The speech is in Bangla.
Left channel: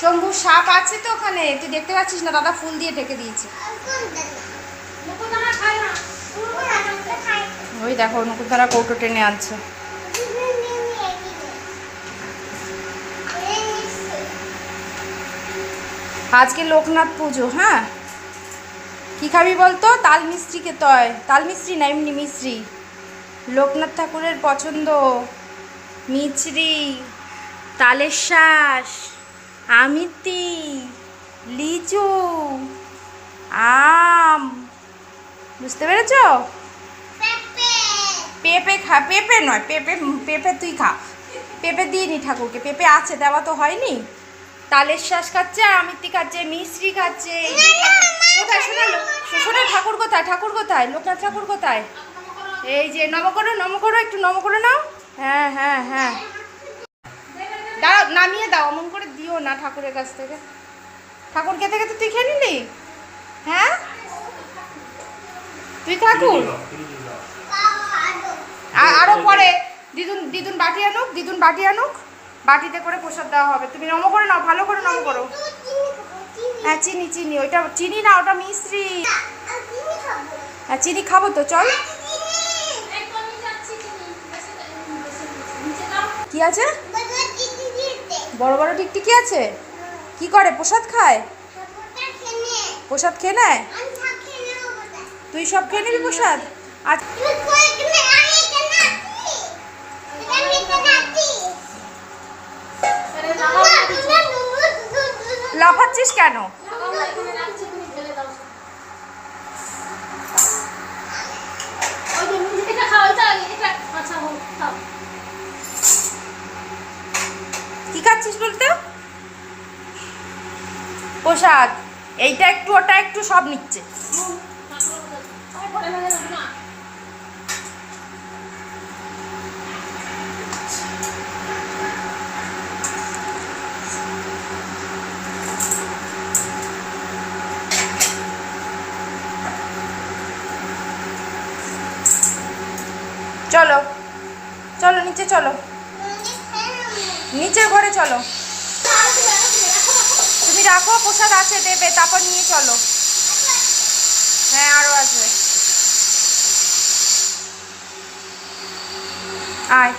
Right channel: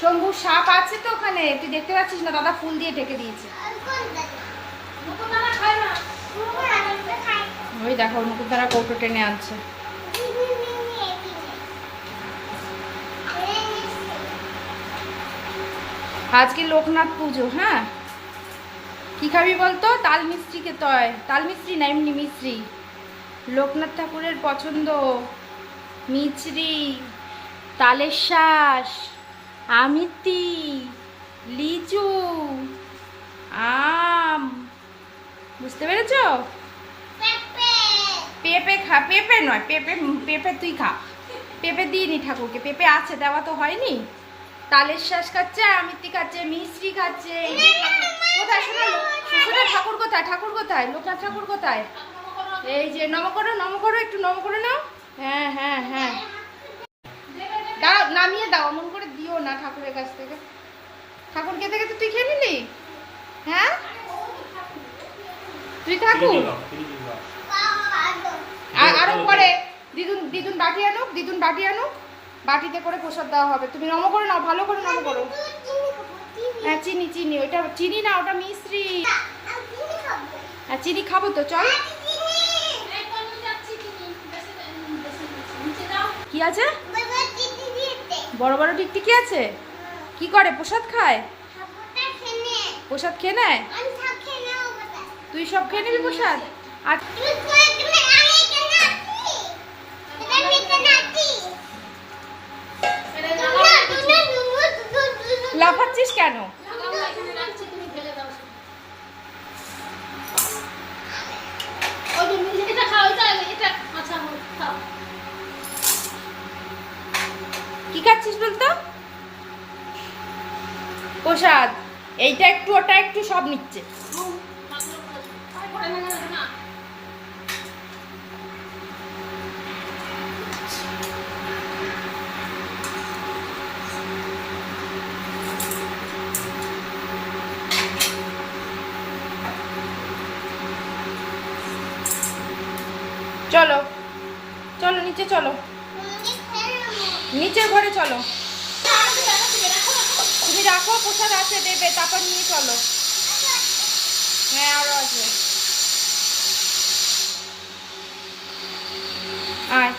শম্ভু সাপ আছে তো ওখানে, তুই দেখতে পাচ্ছিস না? দাদা ফুল দিয়ে ঢেকে দিয়েছে। ওই দেখো নকুলদারা কৌটো টেনে আনছে। আজকে লোকনাথ পুজো। হ্যাঁ, কি খাবি বলতো? তাল মিস্ত্রি খেতে হয়। তাল মিস্ত্রি না, এমনি মিস্ত্রি। লোকনাথ ঠাকুরের পছন্দ মিছরি, তালের শ্বাস, আমিতি, লিচু, আম। বুঝতে পেরেছ? পেঁপে খা। পেঁপে নয়, পেঁপে পেঁপে তুই খা। পেঁপে দিইনি ঠাকুরকে, পেঁপে আছে, দেওয়া তো হয়নি। তালের শ্বাস খাচ্ছে, আমিতি খাচ্ছে, মিশ্রি খাচ্ছে। কোথায় শোনালো? শোনা ঠাকুর কোথায়? ঠাকুর কোথায়? লোকনাথ ঠাকুর কোথায়? এই যে নম করো, নম করো, একটু নম করে নাও। হ্যাঁ হ্যাঁ হ্যাঁ, দাও, নামিয়ে দাও, অমন করে দিও না ঠাকুরের কাছ থেকে। ঠাকুর খেতে খেতে তুই খেয়ে নিলি? হ্যাঁ, তুই ঠাকুর। আরো পরে দিদুন দিদুন বাটি আনুক, দিদুন বাটি আনুক, বাটিতে করে প্রসাদ দেওয়া হবে। তুমি নম করে নাও, ভালো করে নম করো। হ্যাঁ চিনি, চিনি, ওইটা চিনি না, ওটা মিশ্রি। হ্যাঁ চিনি খাবো তো, চল। কি আছে? বড় বড় টিকটিকি আছে। কি করে? প্রসাদ খায়? প্রসাদ খেয়ে নেয়? তুই সব খেয়ে নিবি প্রসাদ? আজ লাফাচ্ছিস কেন? কি খাচ্ছিস বলতো? প্রসাদ। এইটা একটু, ওটা একটু, সব নিচ্ছে। চলো চলো নিচে চলো, নিচের ঘরে চলো। তুমি রাখো, প্রসাদ আছে, দেবে, তারপর নিয়ে চলো। হ্যাঁ আরো আসবে। আয়।